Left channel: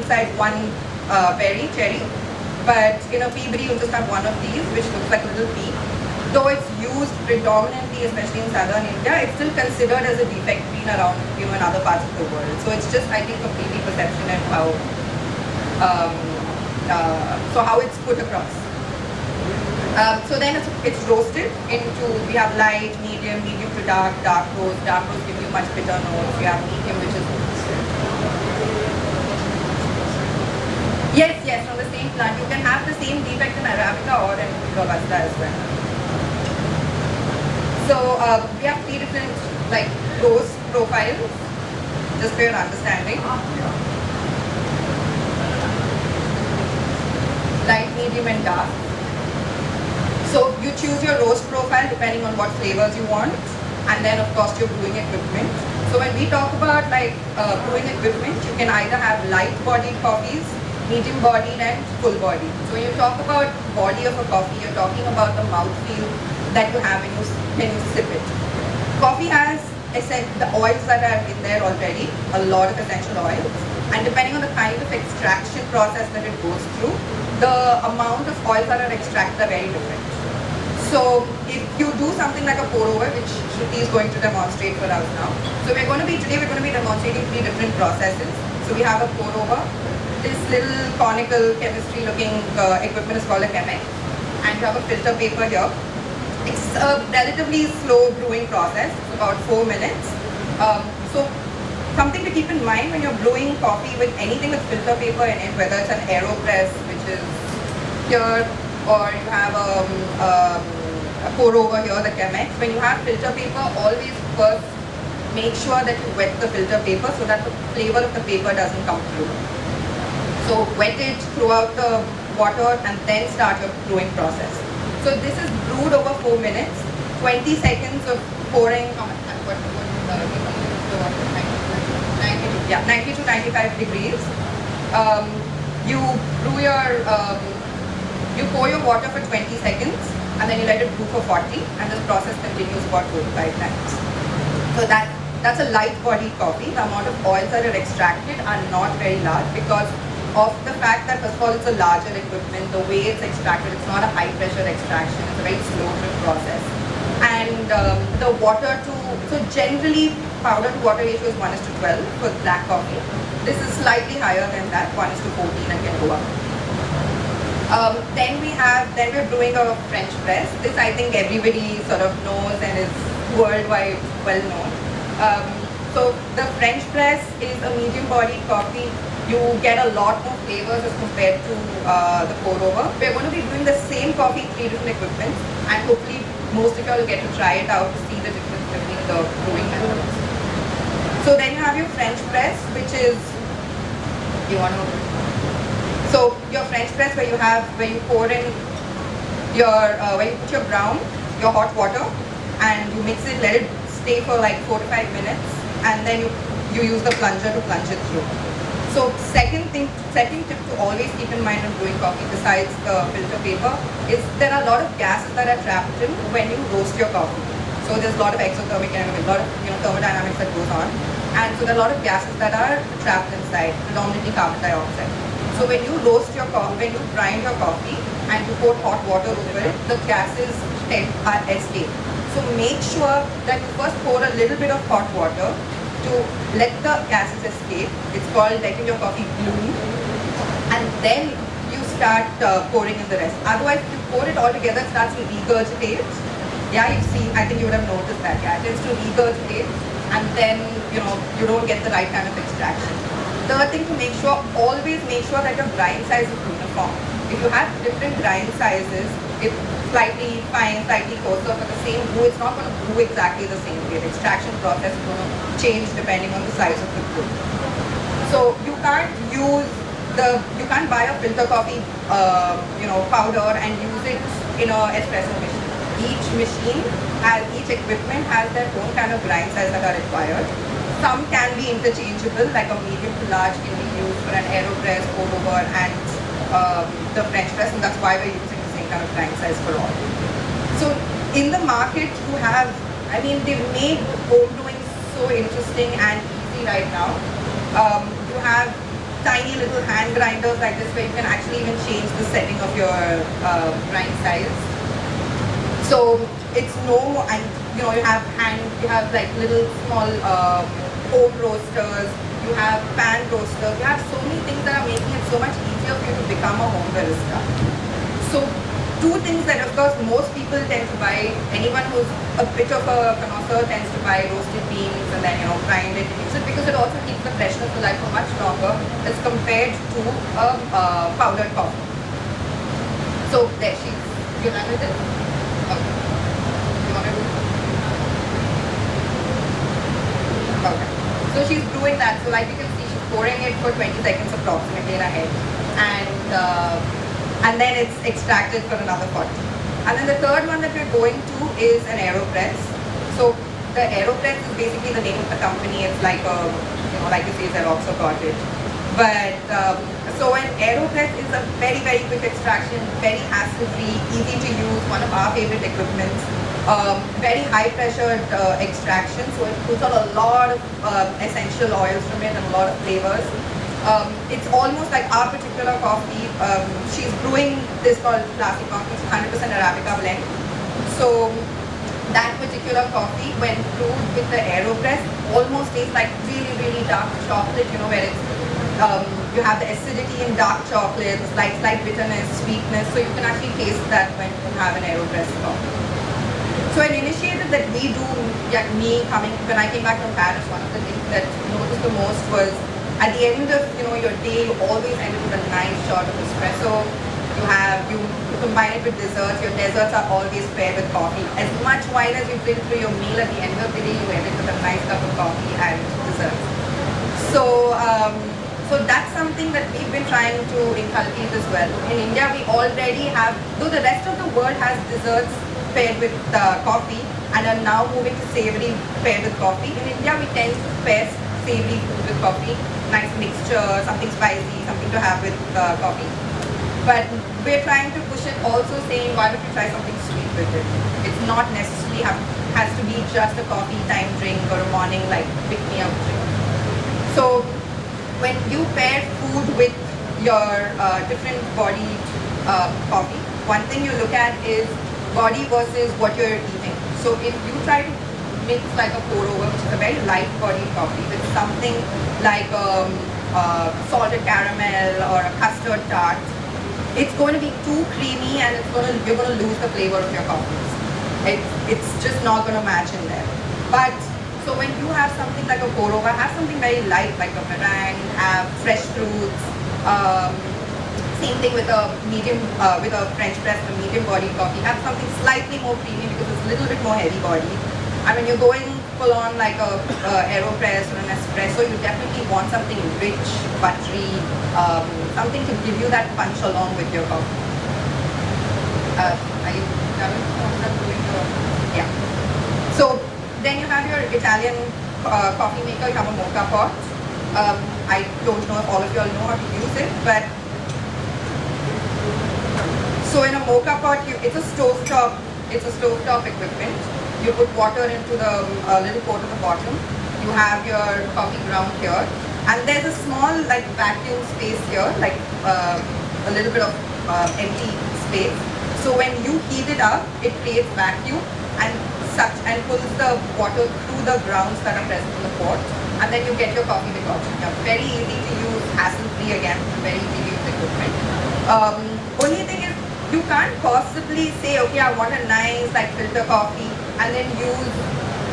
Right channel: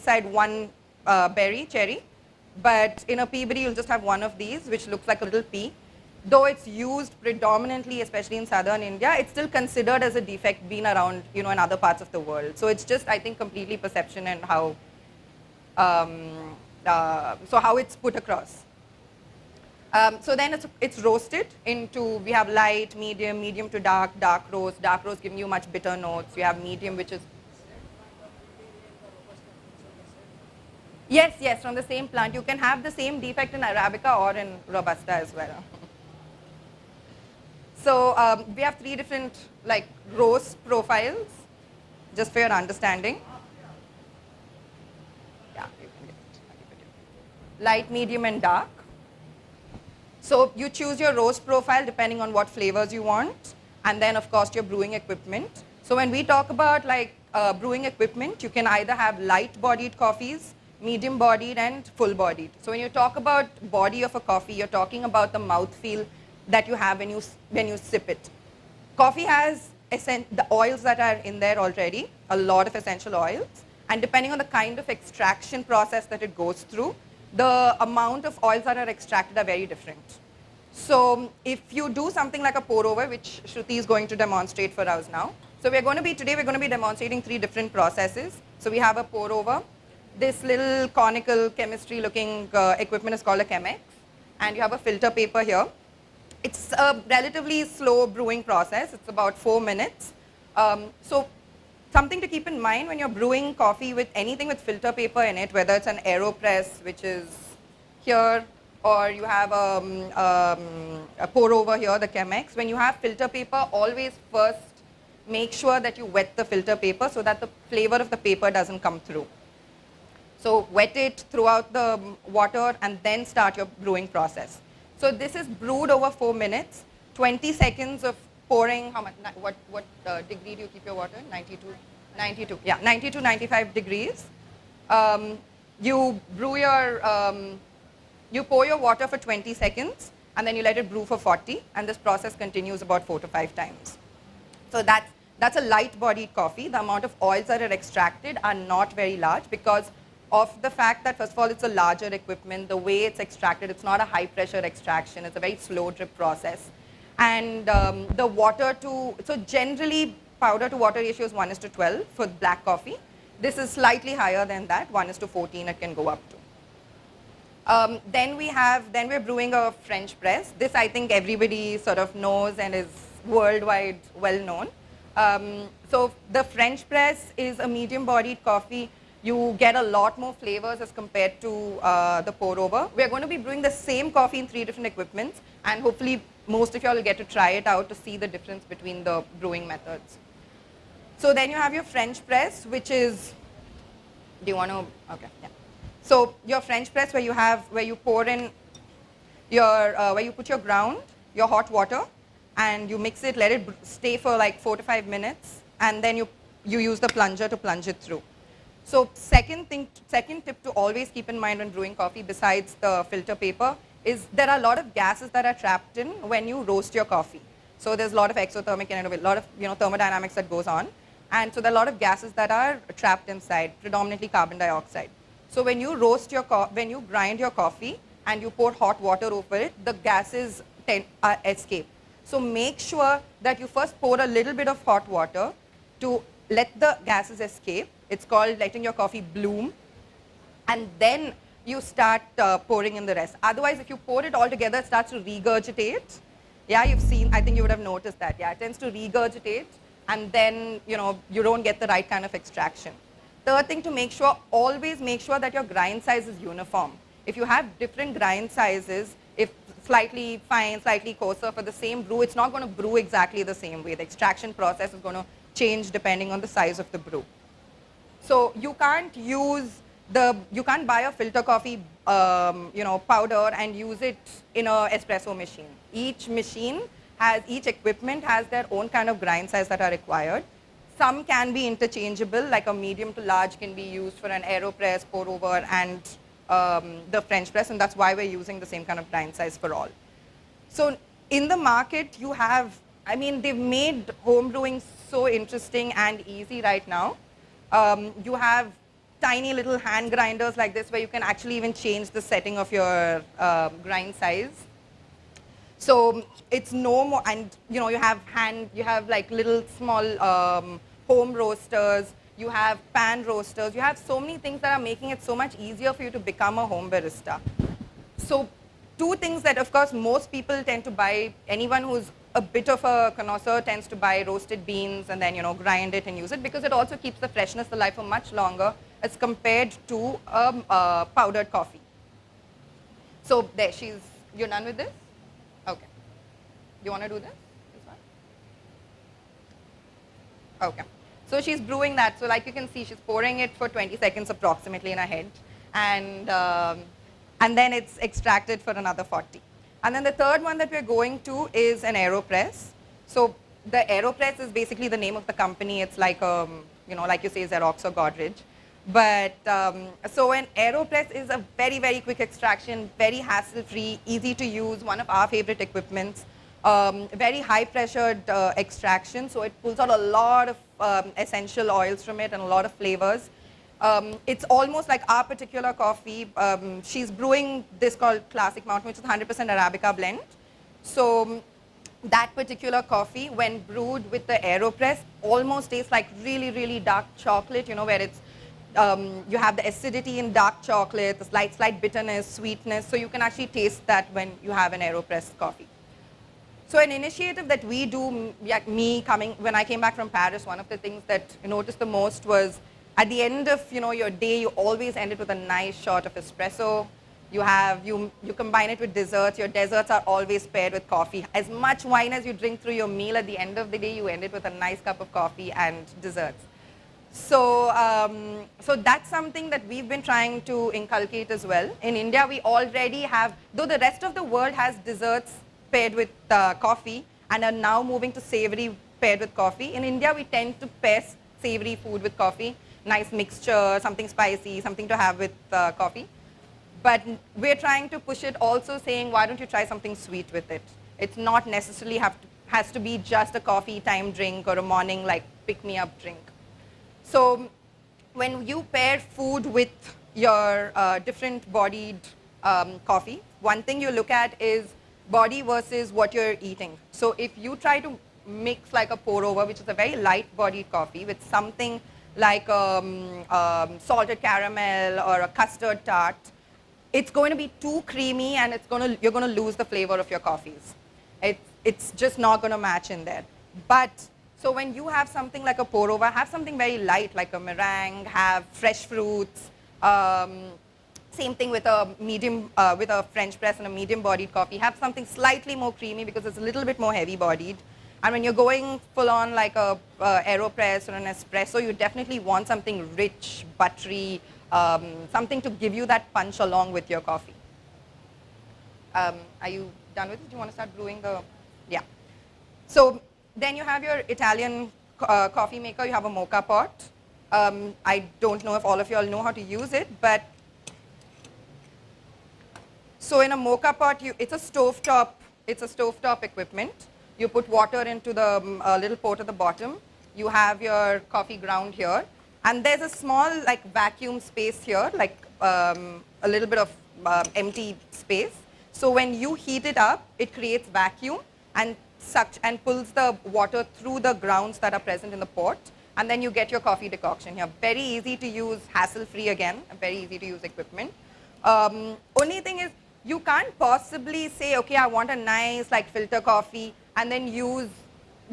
inside one cherry. But in a pea brie, you just have one of these, which looks like a little pea. Though it's used predominantly, especially in southern India, it's still considered as a defect bean around, in other parts of the world. So it's just, I think, completely perception and how it's put across. So then it's roasted into, we have light, medium to dark, dark roast. Dark roast give you much bitter notes. We have medium, which is yes, from the same plant. You can have the same defect in Arabica or in Robusta as well. So we have 3 different roast profiles, just for your understanding. Light, medium and dark. So you choose your roast profile depending on what flavors you want, and then of course your brewing equipment. So when we talk about brewing equipment, you can either have light bodied coffees, medium bodied and full bodied. So when you talk about body of a coffee, you're talking about the mouthfeel that you have when you sip it. Coffee has the oils that are in there already, a lot of essential oils, and depending on the kind of extraction process that it goes through, the amount of oils that are extracted are very different. So if you do something like a pour over, which Shruti is going to demonstrate for us now. So today we're going to be demonstrating 3 different processes. So we have a pour over. This little conical chemistry looking equipment is called a chemex. And you have a filter paper here. It's a relatively slow brewing process. It's about 4 minutes. So something to keep in mind when you're brewing coffee with anything with filter paper in it, whether it's an Aeropress, which is here, or you have a pour over here, the chemex. When you have filter paper, always first make sure that you wet the filter paper so that the flavor of the paper doesn't come through. So wet it throughout the water and then start your brewing process. So this is brewed over 4 minutes, 20 seconds of pouring, 90 to 95 degrees. You brew you pour your water for 20 seconds and then you let it brew for 40, and this process continues about 4 to 5 times. So that's a light bodied coffee. The amount of oils that are extracted are not very large because of the fact that first of all it's a larger equipment, the way it's extracted, it's not a high pressure extraction, it's a very slow drip process. And the water so generally powder to water ratio is 1:12 for black coffee. This is slightly higher than that, 1:14 and can go up. Then we're brewing a French press. This I think everybody sort of knows and is worldwide well known. So the French press is a medium bodied coffee. You get a lot more flavors as compared to the pour over. We're going to be doing the same coffee in 3 different equipments, and hopefully most of you will get to try it out to see the difference between the brewing methods. So then you have your French press, which is, so your French press where you pour in where you put your ground, your hot water, and you mix it, let it stay for like 4 to 5 minutes, and then you use the plunger to plunge it through. So second tip to always keep in mind when brewing coffee, besides the filter paper, is there are a lot of gases that are trapped in when you roast your coffee. So there's a lot of exothermic and a lot of thermodynamics that goes on, and so there are a lot of gases that are trapped inside, predominantly carbon dioxide. So when you roast your coffee, when you grind your coffee and you pour hot water over it, the gases escape. So make sure that you first pour a little bit of hot water to let the gases escape. It's called letting your coffee bloom, and then you start pouring in the rest. Otherwise, if you pour it all together, it starts to regurgitate. Yeah, you've seen, I think you would have noticed that. Yeah, it tends to regurgitate, and then you don't get the right kind of extraction. Third thing to make sure, always make sure that your grind size is uniform. If you have different grind sizes, if slightly fine, slightly coarser for the same brew, it's not going to brew exactly the same way. The extraction process is going to change depending on the size of the brew. So you can't buy a filter coffee powder and use it in an espresso machine. Each equipment has their own kind of grind size that are required. Some can be interchangeable, like a medium to large can be used for an Aeropress, pour over, and the French press, and that's why we're using the same kind of grind size for all. So in the market, they've made home brewing so interesting and easy right now. You have tiny little little hand grinders like this where you can actually even change the setting of your grind size. So it's no more, and you have like little small home roasters, you have pan roasters, you have so many things that are making it so much easier for you to become a home barista. So two things that of course most people tend to buy, anyone who's a bit of a connoisseur tends to buy roasted beans and then grind it and use it, because it also keeps the freshness alive for much longer as compared to a powdered coffee. So there she is. Do you mind with it? Okay. You want to do it? Okay. So she's brewing that. So like you can see, she's pouring it for 20 seconds approximately in her head. And then it's extracted for another 40. And then the third one that we're going to is an Aeropress. So the Aeropress is basically the name of the company. It's like a, like you say, Xerox got it. But so an Aeropress is a very, very quick extraction, very hassle-free, easy to use, one of our favorite equipments. Very high pressured extraction, so it pulls out a lot of essential oils from it and a lot of flavors. It's almost like our particular coffee. She's brewing this called classic coffee, 100% Arabica blend. So that particular coffee, when brewed with the Aeropress, almost tastes like really, really dark chocolate, where it's, you have the acidity in dark chocolate, slight bitterness, sweetness, so you can actually taste that when you have an Aeropress coffee. So an initiative that we do, when I came back from Paris, one of the things that I noticed the most was at the end of your day, you always end with a nice shot of espresso. You combine it with desserts. Your desserts are always paired with coffee. As much wine as you drink through your meal, at the end of the day, you end it with a nice cup of coffee and dessert. So that's something that we've been trying to inculcate as well. In India, we already have, though the rest of the world has desserts paired with coffee, and are now moving to savory paired with coffee. In India, we tend to pair savory food with coffee, nice mixture, something spicy, something to have with coffee. But we're trying to push it also, saying why don't you try something sweet with it? It's not necessarily has to be just a coffee time drink or a morning like pick me up drink. So when you pair food with your different body coffee, one thing you look at is body versus what you're eating. So if you try to mix like a pour over, which is a very light body coffee, with something like salted caramel or a custard tart, it's going to be too creamy and you're going to lose the flavor of your coffees. It's just not going to match in there. But so when you have something like a pour over, have something very light like a meringue, have fresh fruits. Same thing with a medium, with a French press and a medium body coffee. Have something slightly more creamy because it's a little bit more heavy body. And when you're going full on like a Aeropress or an espresso, you definitely want something rich, buttery, something to give you that punch along with your coffee. Are you having? Yeah. So then you have your Italian coffee maker. You have a Moka pot. I don't know if all of you all know how to use it, but so in a Moka pot, it's a stovetop equipment. You put water into the little pot at the bottom. You have your coffee ground here, and there's a small like vacuum space here, like a little bit of empty space. So when you heat it up, it creates vacuum and pulls the water through the grounds that are present in the pot, and then you get your coffee decoction. Very easy to use, hassle-free again, very easy to use equipment. Only thing is, you can't possibly say, okay, I want a nice like filter coffee and then use,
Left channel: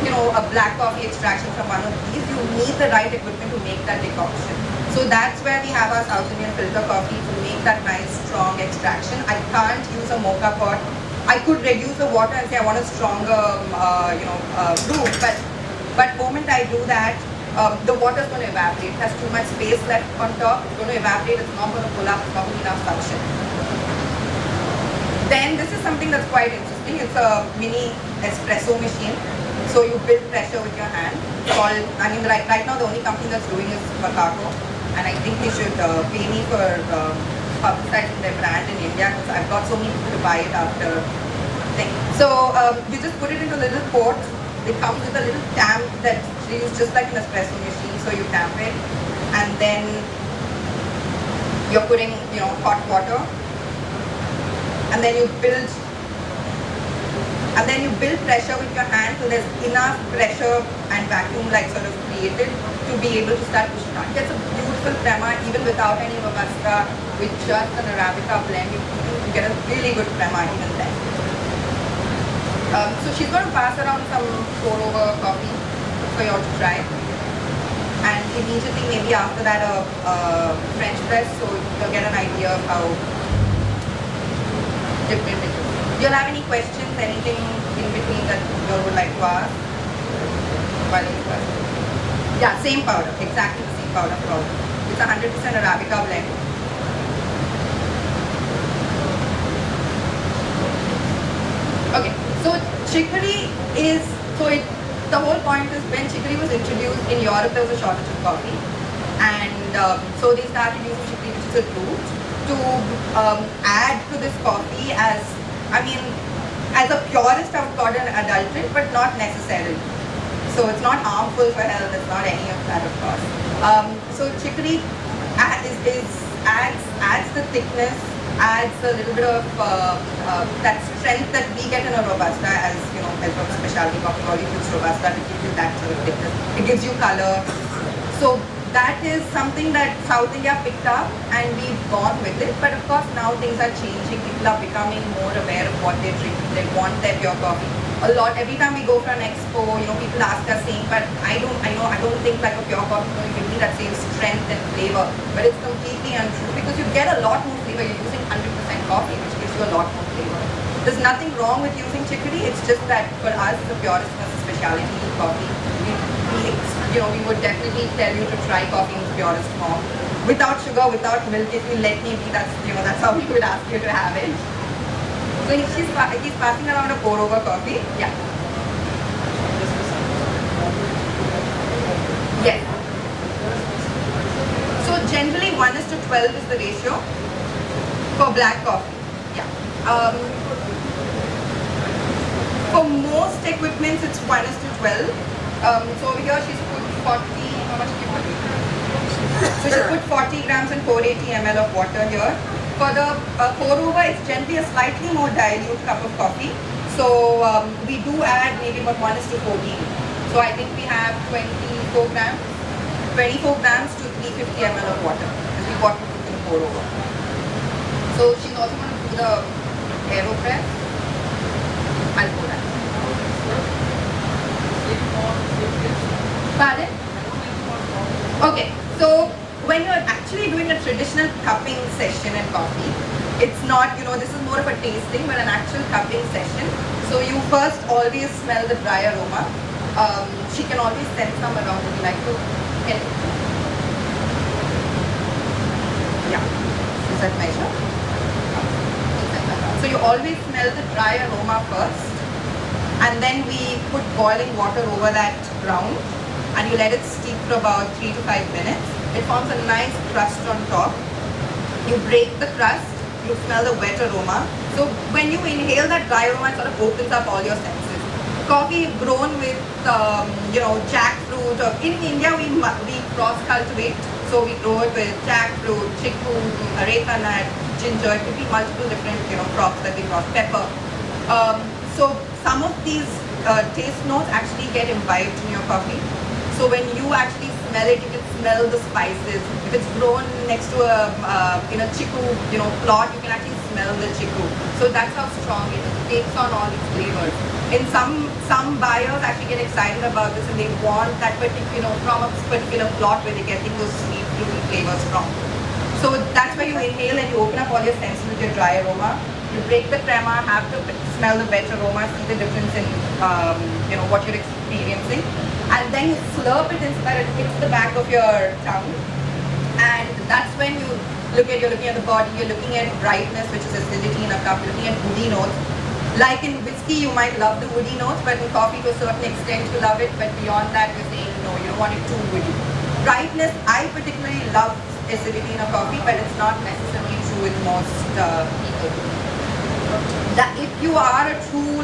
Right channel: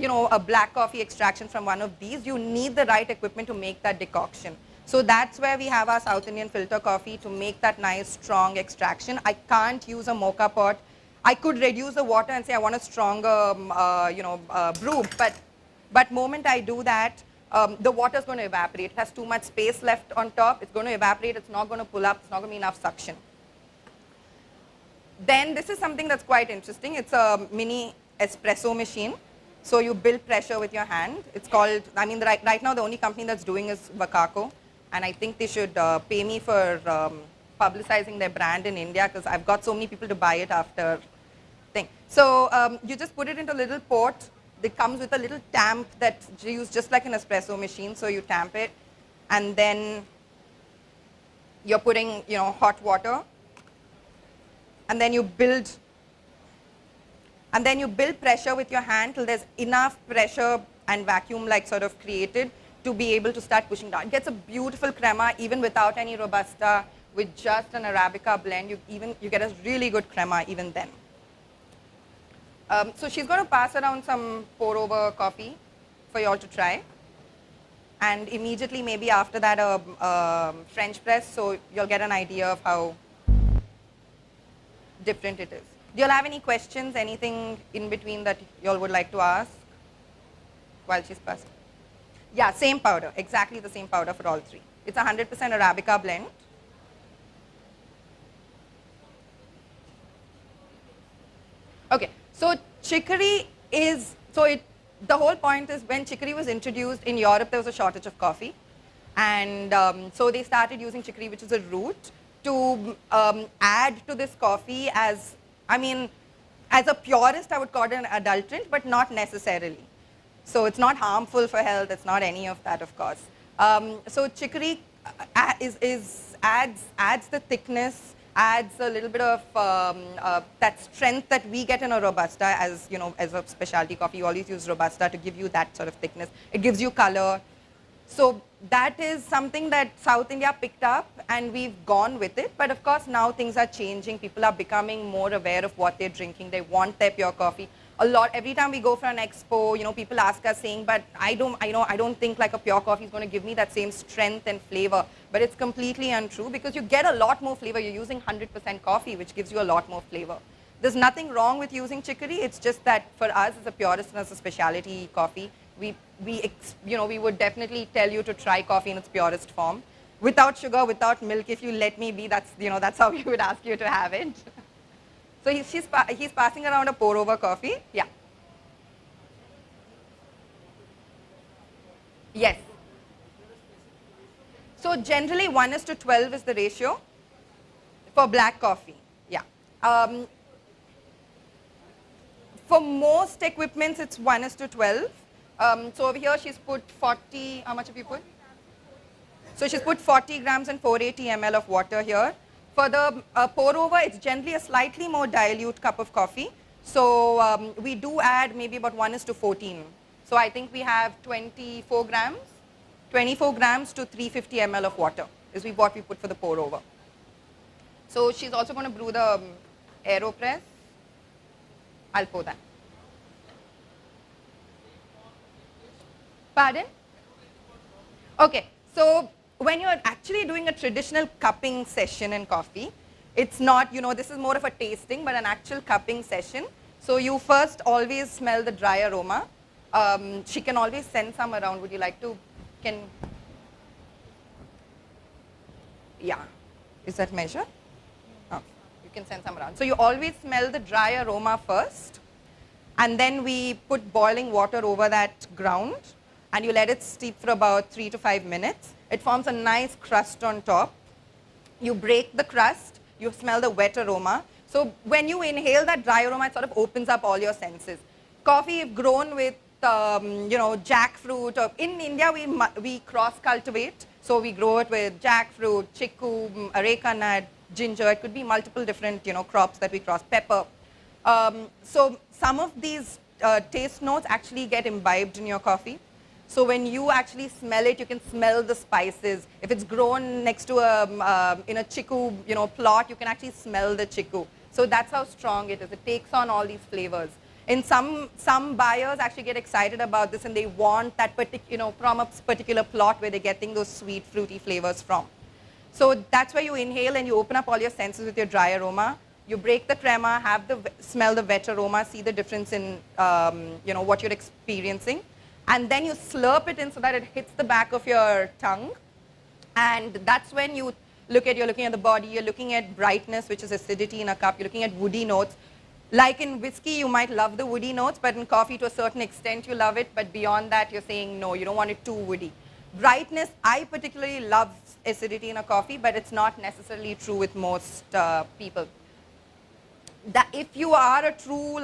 a black coffee extraction from one of these. You need the right equipment to make that decoction. So that's where we have our South Indian filter coffee to make that nice strong extraction. I can't use a Moka pot. I could reduce the water and say I want a stronger, brew, but moment I do that, the water is going to evaporate. It has too much space left on top. It's going to evaporate. It's not going to pull up. It's not going to be enough suction. Then this is something that's quite interesting. It's a mini espresso machine. So you build pressure with your hand. It's all, right now the only company that's doing is Moka, and I think they should pay me for publicizing their brand in India because I've got so many people to buy it after thing. So you just put it in a little pot. It comes with a little tamp that you use just like an espresso machine. So you tamp it, and then you're putting, hot water, and then you build pressure with your hand, so there's enough pressure and vacuum sort of created to be able to start pushing on. It's a beautiful crema even without any Robusta. With just an Arabica blend, you get a really good crema even then. So she's going to pass around some pour-over coffee for you all to try. And immediately, maybe after that, French press, so you'll get an idea of how different it is. Do you have any questions, anything in between that you would like to ask? Yeah, same powder, exactly the same powder problem. It's 100% Arabica blend. Okay, so chicory is, the whole point is when chicory was introduced in Europe, there was a shortage of coffee. And so they started using chicory, which is a root, to add to this coffee as a purist, I would call it an adulterant, but not necessarily. So it's not harmful for health, it's not any of that, of course. So chicory adds the thickness, adds a little bit of that strength that we get in a Robusta, as as a specialty coffee, all you use Robusta to give you that sort of thickness. It gives you color. So that is something that South India picked up and we've gone with it. But of course now things are changing. People are becoming more aware of what they're drinking. They want their pure coffee. Every time we go for an expo, people ask us saying, but I don't think like a pure coffee is going to give me that same strength and flavor. But it's completely untrue because you get a lot more flavor. You're using 100% coffee, which gives you a lot more flavor. There's nothing wrong with using chicory. It's just that for us, the purist versus specialty coffee, we would definitely tell you to try coffee in its purest form. Without sugar, without milk, if you let me be, that's how we will ask you to have it. So he's passing around a pour-over coffee. Yeah. Yes. So generally 1:12 is the ratio for black coffee. Yeah. For most equipments, it's 1:12. So over here she's put 40, how much do you put? So she's put 40 grams and 480 ml of water here. For the pour-over, it's generally a slightly more dilute cup of coffee. So we do add maybe about 1:14. So I think we have 24 grams to 350 ml of water. This is what we put in the pour-over. So she's also going to do the Aeropress. I'll do that. Pardon? Okay, so when you're actually doing a traditional cupping session in coffee, it's not, this is more of a tasting, but an actual cupping session. So you first always smell the dry aroma. She can always send some around if you like to. Yeah. Is that measure? So you always smell the dry aroma first, and then we put boiling water over that ground, and you let it steep for about 3 to 5 minutes. It forms a nice crust on top. You break the crust, you smell the wet aroma. So when you inhale that dry aroma, it sort of opens up all your senses. Coffee is grown with, jackfruit. In India, we cross-cultivate. So we grow it with jackfruit, chiku, areca nut, ginger. It could be multiple different, crops that we cross. Pepper. So some of these taste notes actually get imbibed in your coffee. So when you actually smell it, you can smell the spices. If it's grown next to a chiku, plot, you can actually smell the chiku. So that's how strong it is. It takes on all these flavors. And some buyers actually get excited about this and they want that particular, from a particular plot where they get those sweet, fruity flavors from. So that's why you inhale and you open up all your senses with your dry aroma. You break the crema, smell the wet aroma, see the difference in what you're experiencing. And then you slurp it in so that it hits the back of your tongue. And that's when you're looking at the body, you're looking at brightness, which is acidity in a cup, you're looking at woody notes. Like in whiskey, you might love the woody notes, but in coffee to a certain extent you love it, but beyond that you're saying no, you don't want it too woody. Brightness, I particularly love acidity in a coffee, but it's not necessarily true with most people. That if you are a true,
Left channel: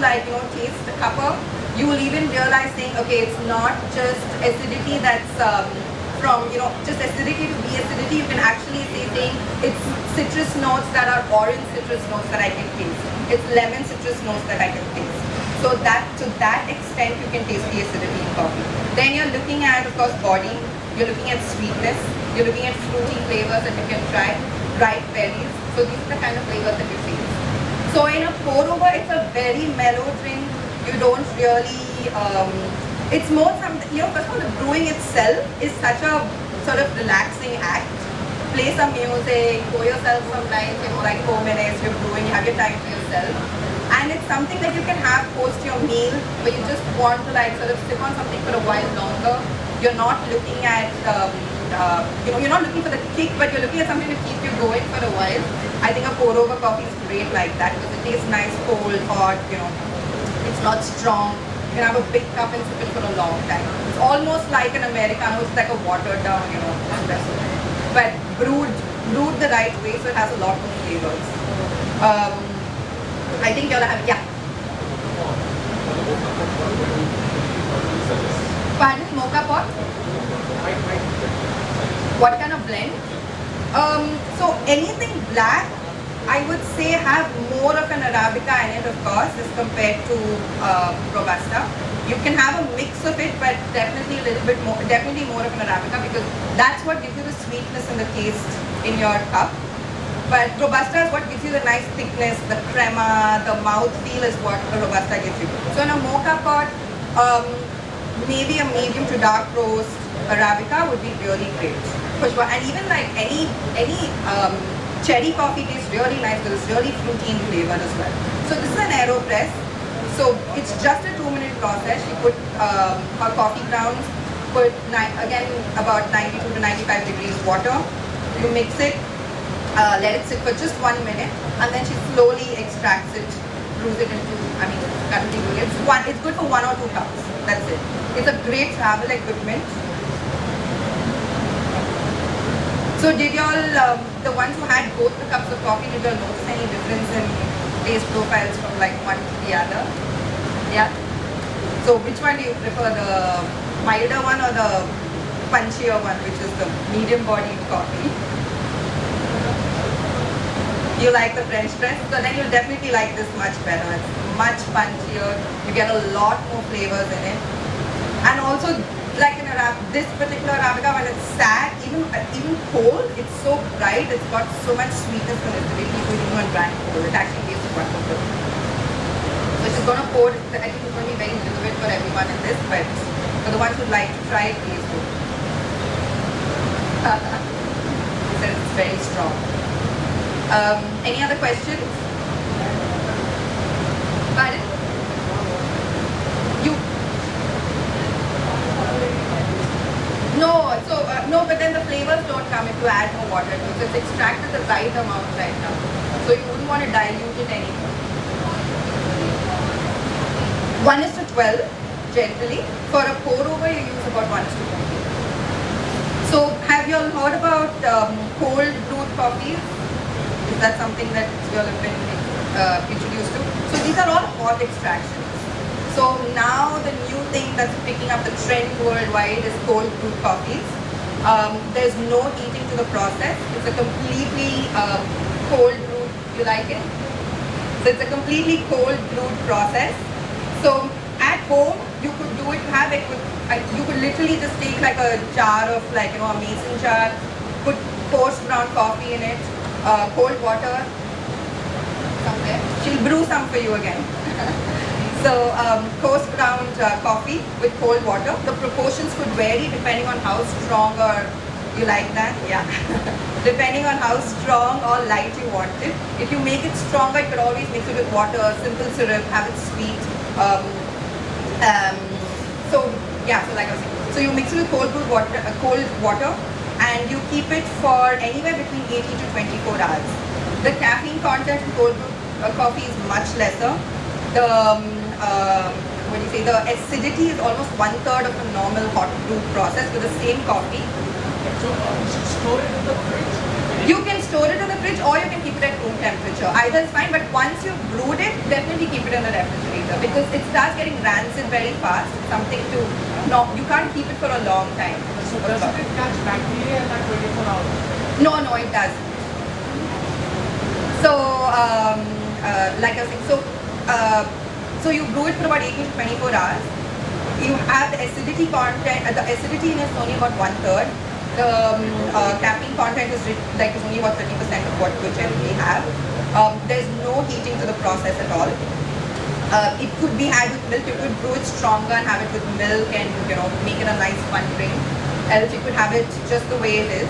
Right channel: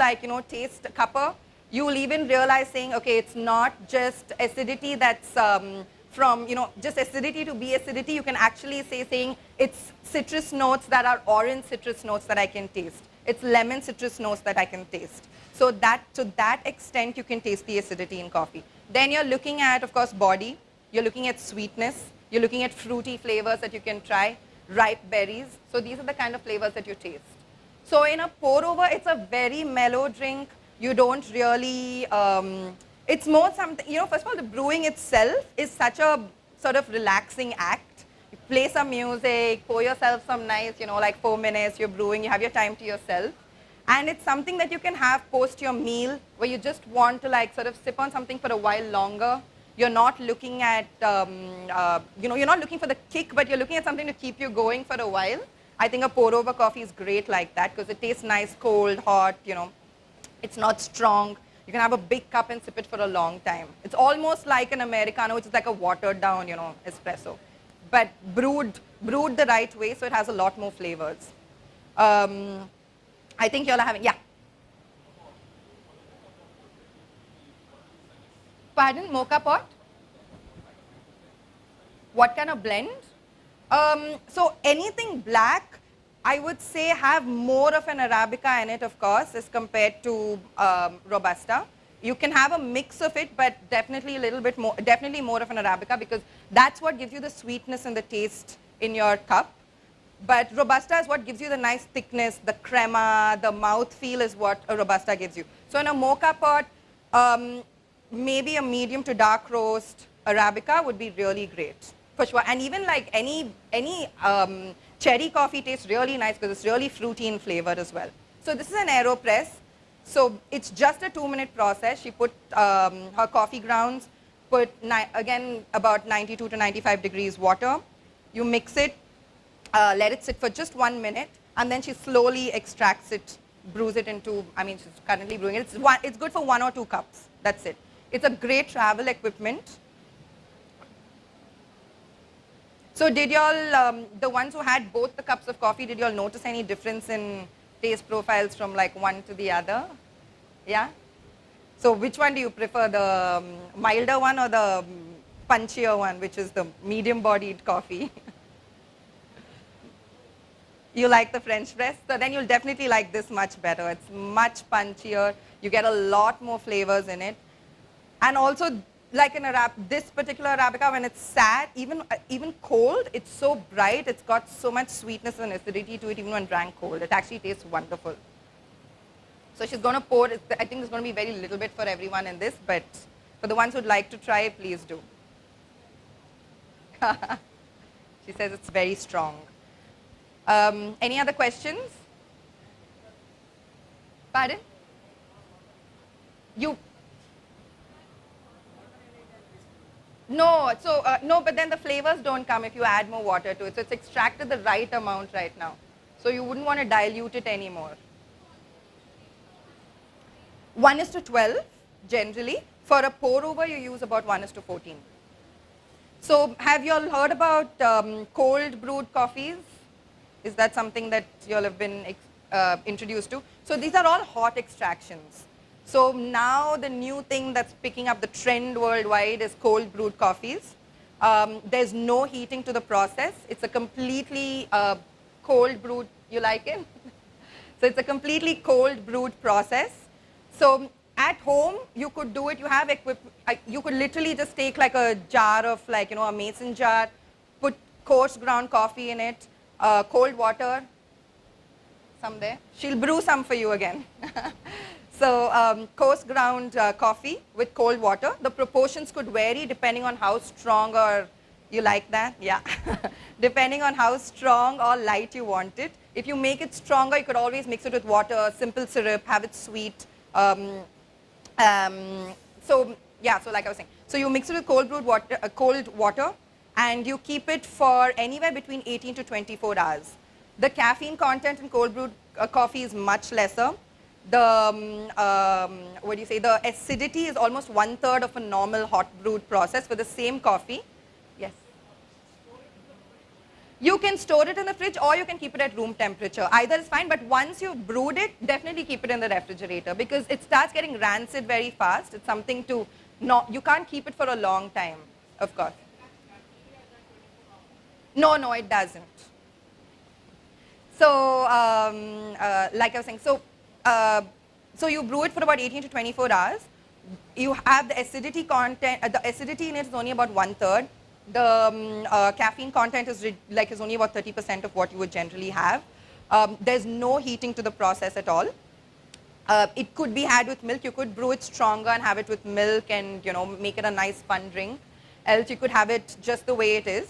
taste cupper, you will even realize saying, okay, it's not just acidity that's from, just acidity to de-acidity, you can actually say saying it's citrus notes that are orange citrus notes that I can taste. It's lemon citrus notes that I can taste. So that to that extent you can taste the acidity in coffee. Then you're looking at, of course, body. You're looking at sweetness. You're looking at fruity flavors that you can try. Bright berries. So these are the kind of flavors that you taste. So in a pour over, it's a very mellow drink. You don't really. It's more something. First of all, the brewing itself is such a sort of relaxing act. Play some music, pour yourself some nice, like 4 minutes. You're brewing. You have your time to yourself. And it's something that you can have post your meal, where you just want to sort of sip on something for a while longer. You're not looking at, you're not looking for the kick, but you're looking at something to keep you going for a while. I think a pour over coffee is great like that, because it tastes nice, cold, hot. It's not strong. You can have a big cup and sip it for a long time. It's almost like an Americano. It's like a watered down, espresso. But brewed the right way, so it has a lot more flavors. I think you'll have, yeah. Pardon, mocha pot? What kind of blend? So anything black, I would say have more of an Arabica in it, of course, as compared to Robusta. You can have a mix of it, but definitely a little bit more, definitely more of an Arabica, because that's what gives you the sweetness and the taste in your cup. But Robusta is what gives you the nice thickness, the crema, the mouthfeel is what a Robusta gives you. So in a mocha pot, maybe a medium to dark roast Arabica would be really great. For sure. And even like any cherry coffee tastes really nice, because it's really fruity in flavor as well. So this is an Aeropress. So it's just a 2-minute process. You put her coffee grounds, put again about 92 to 95 degrees water. You mix it. Let it sit for just 1 minute, and then she slowly extracts it, brews it into, it's good for 1 or 2 cups, that's it. It's a great travel equipment. So did y'all, the ones who had both the cups of coffee, did y'all notice any difference in taste profiles from like one to the other? Yeah? So which one do you prefer, the milder one or the punchier one, which is the medium bodied coffee? You like the French press, so then you'll definitely like this much better. It's much punchier. You get a lot more flavors in it. And also, like in this particular Arabica, when it's sad, even cold, it's so bright. It's got so much sweetness and acidity. You can even drank cold. It actually tastes wonderful. So she's going to pour. I think it's going to be very little bit for everyone in this, but for the ones who like to try it, please do. It's very strong. Any other questions? Pardon? You? No, but then the flavors don't come if you add more water to it. It's extracted the right amount right now. So you wouldn't want to dilute it anymore. 1:12, generally. For a pour over, you use about 1:14. So have you all heard about cold brewed coffees? Is that something that you all have been introduced to? So these are all hot extractions. So now the new thing that's picking up the trend worldwide is cold brewed coffees. There's no heating to the process. It's a completely cold brewed. You like it? So it's a completely cold brewed process. So at home you could do it. You could literally just take like a jar of a mason jar, put coarse ground coffee in it. Cold water, somewhere. She'll brew some for you again. So coarse ground coffee with cold water. The proportions could vary depending on how strong or you like that. Yeah. Depending on how strong or light you want it. If you make it stronger, you could always mix it with water, simple syrup, have it sweet. So like I was saying, so you mix it with cold water. And you keep it for anywhere between 18 to 24 hours. The caffeine content in cold brew coffee is much lesser. The the acidity is almost 1/3 of a normal hot brew process with the same coffee. So store it in the fridge. You can store it in the fridge or you can keep it at room temperature. Either is fine, but once you've brewed it, definitely keep it in the refrigerator, because it starts getting rancid very fast. It's something you can't keep it for a long time. So does it catch bacteria in that 24 hours? No, it does. So, like I said, so you brew it for about 18 to 24 hours. You have the acidity content, the acidity is only about 1/3. The caffeine content is only about 30% of what you would generally have. There's no heating to the process at all. It could be had with milk. You could brew it stronger and have it with milk and make it a nice fun drink. Else you could have it just the way it is.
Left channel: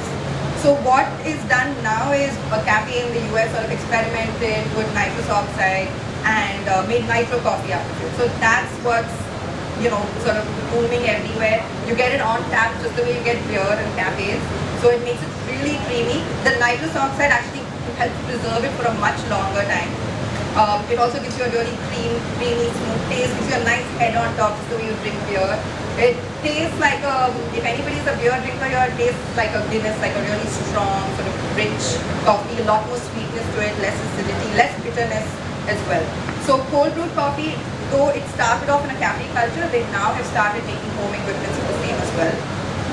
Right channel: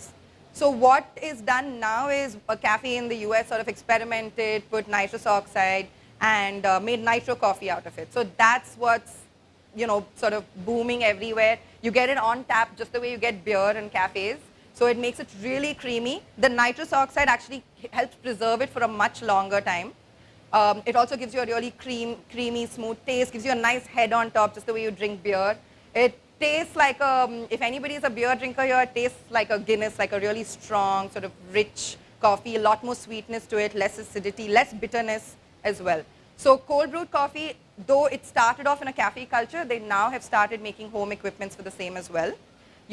So what is done now is a cafe in the US sort of experimented with nitrous oxide and made nitro coffee out of it. So that's what's sort of booming everywhere. You get it on tap just the way you get beer in cafes. So it makes it really creamy. The nitrous oxide actually helps preserve it for a much longer time. It also gives you a really creamy, smooth taste. Gives you a nice head on top just the way you drink beer. It tastes like if anybody's a beer drinker here, it tastes like a Guinness, like a really strong, sort of rich coffee, a lot more sweetness to it, less acidity, less bitterness as well. So cold brewed coffee, though it started off in a cafe culture, they now have started making home equipment for the same as well.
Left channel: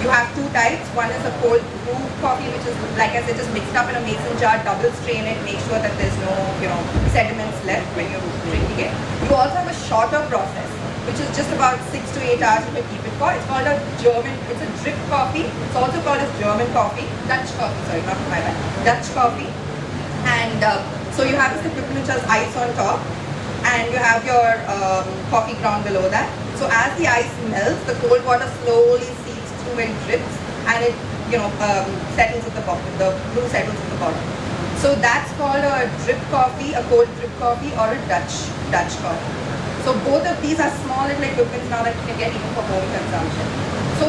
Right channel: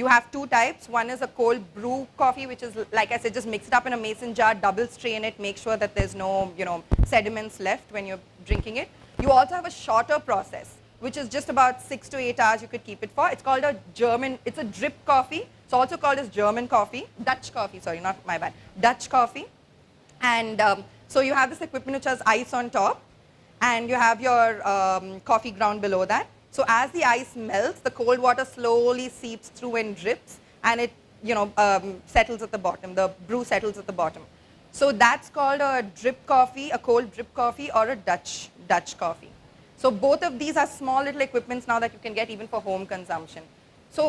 You have two types. One is a cold brew coffee, which is, like I said, just mixed up in a mason jar, double strain it, make sure that there's no, sediments left when you're drinking it. You also have a shorter process, which is just about 6 to 8 hours you can keep it for. It's called it's a drip coffee. It's also called as German coffee, Dutch coffee, sorry, not my bad, Dutch coffee. And so you have this equipment which has ice on top, and you have your coffee ground below that. So as the ice melts, the cold water slowly seeps through and drips, and it settles at the bottom. The brew settles at the bottom. So that's called a drip coffee, a cold drip coffee, or a Dutch coffee. So both of these are small little equipments now that you can get even for home consumption. So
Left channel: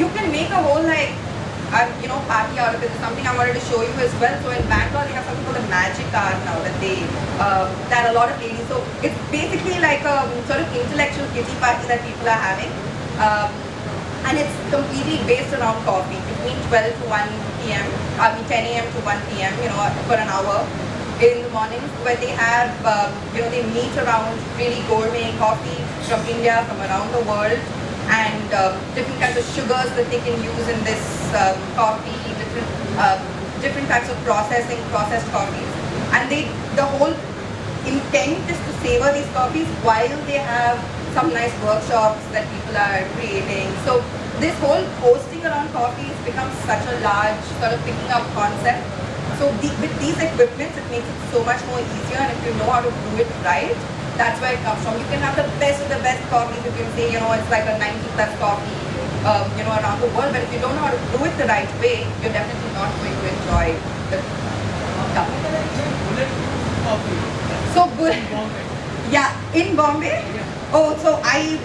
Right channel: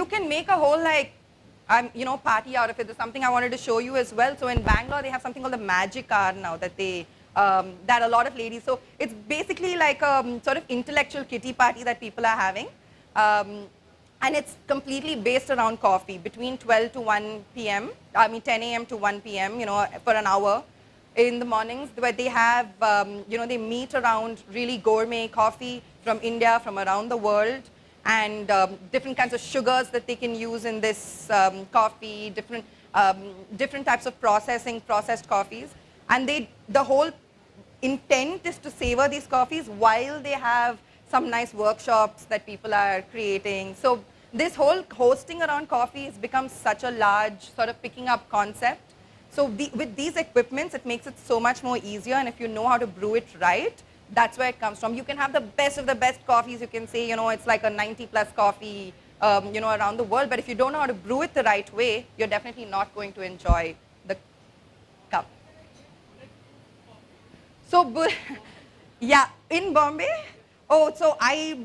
you can make a whole party out of it. It's something I wanted to show you as well. So in Bangalore they have something called a magic hour now that a lot of ladies. So it's basically like a sort of intellectual kitty party that people are having. And it's completely based around coffee between 12 to 1 p.m. 10 a.m. to 1 p.m. For an hour in the mornings, where they have they meet around really gourmet coffee from India, from around the world, and different kinds of sugars that they can use in this coffee, different types of processed coffees, and the whole intent is to savor these coffees while they have some nice workshops that people are creating. So this whole hosting around coffee has become such a large sort of picking up concept. So with these equipments, it makes it so much more easier, and if you know how to brew it right, that's where it comes from. You can have the best of the best coffees. You can say, it's like a 90+ coffee, around the world, but if you don't know how to brew it the right way, you're definitely not going to enjoy the So, yeah, in Bombay? Oh, so I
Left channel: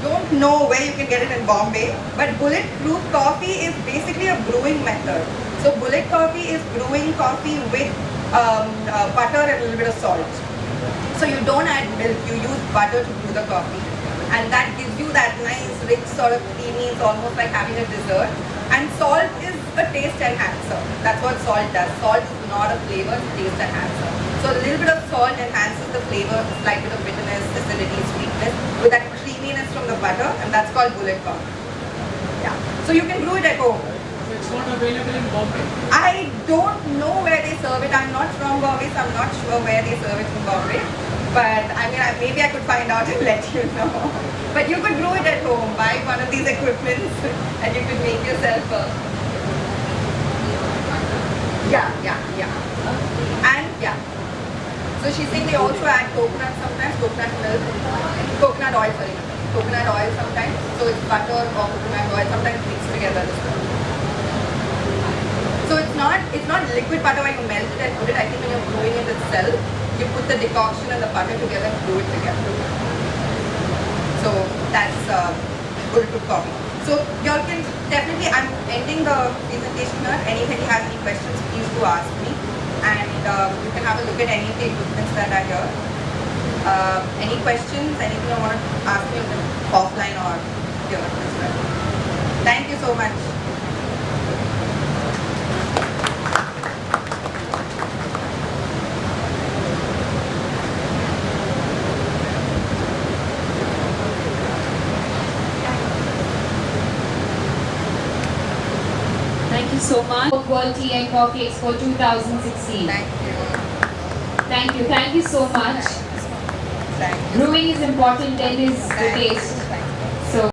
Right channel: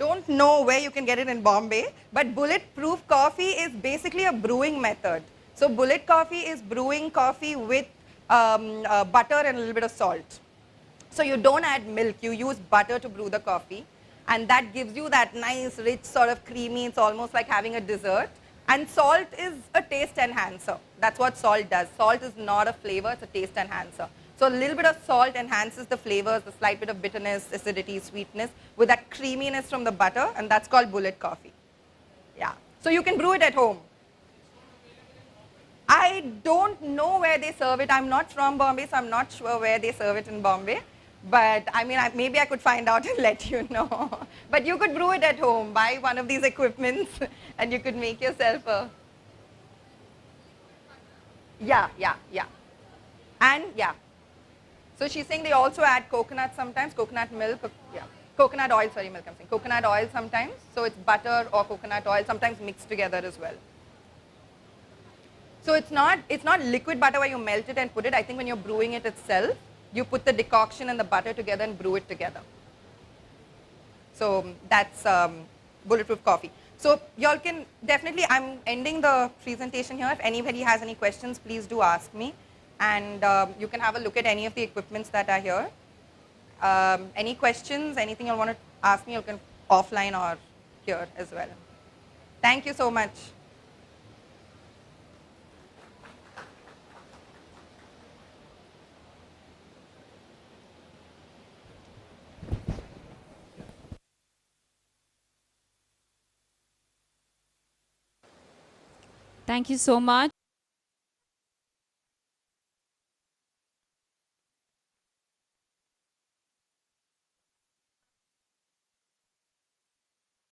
don't know where you can get it in Bombay, but bulletproof coffee is basically a brewing method. So bullet coffee is brewing coffee with butter and a little bit of salt. So you don't add milk, you use butter to brew the coffee. And that gives you that nice, rich sort of creamy, it's almost like having a dessert. And salt is a taste enhancer. That's what salt does. Salt is not a flavor, it's a taste enhancer. So a little bit of salt enhances the flavor, slight bit of bitterness, acidity, sweetness, with that creaminess from the butter, and that's called bullet coffee. Yeah. So you can brew it at home. It's not available in Bombay. I don't know where they serve it. I'm not from Bombay, so I'm not sure where they serve it in Bombay. But I mean, maybe I could find out and let you know. But you could brew it at home, buy one of these equipments, and you could make yourself a... Yeah. And yeah. So she's saying they also add coconut sometimes, coconut milk, coconut oil sometimes. So it's butter or coconut oil, sometimes mixed together as well. So it's not liquid butter where you melt it and put it. I think when you're brewing it itself, you put the decoction and the butter together and brew it together. So that's bulletproof coffee. So you all can definitely, I'm ending the presentation here. Anybody has any questions, please do ask me. And you can have a look at any of the equipments that are here. Any questions, anything you want to ask me offline or here as well. Thank you so much. so much. World Tea and Coffee Expo 2016. Thank you. Thank you so much. Thank you. Brewing is important, then is the Thank you. taste. Thank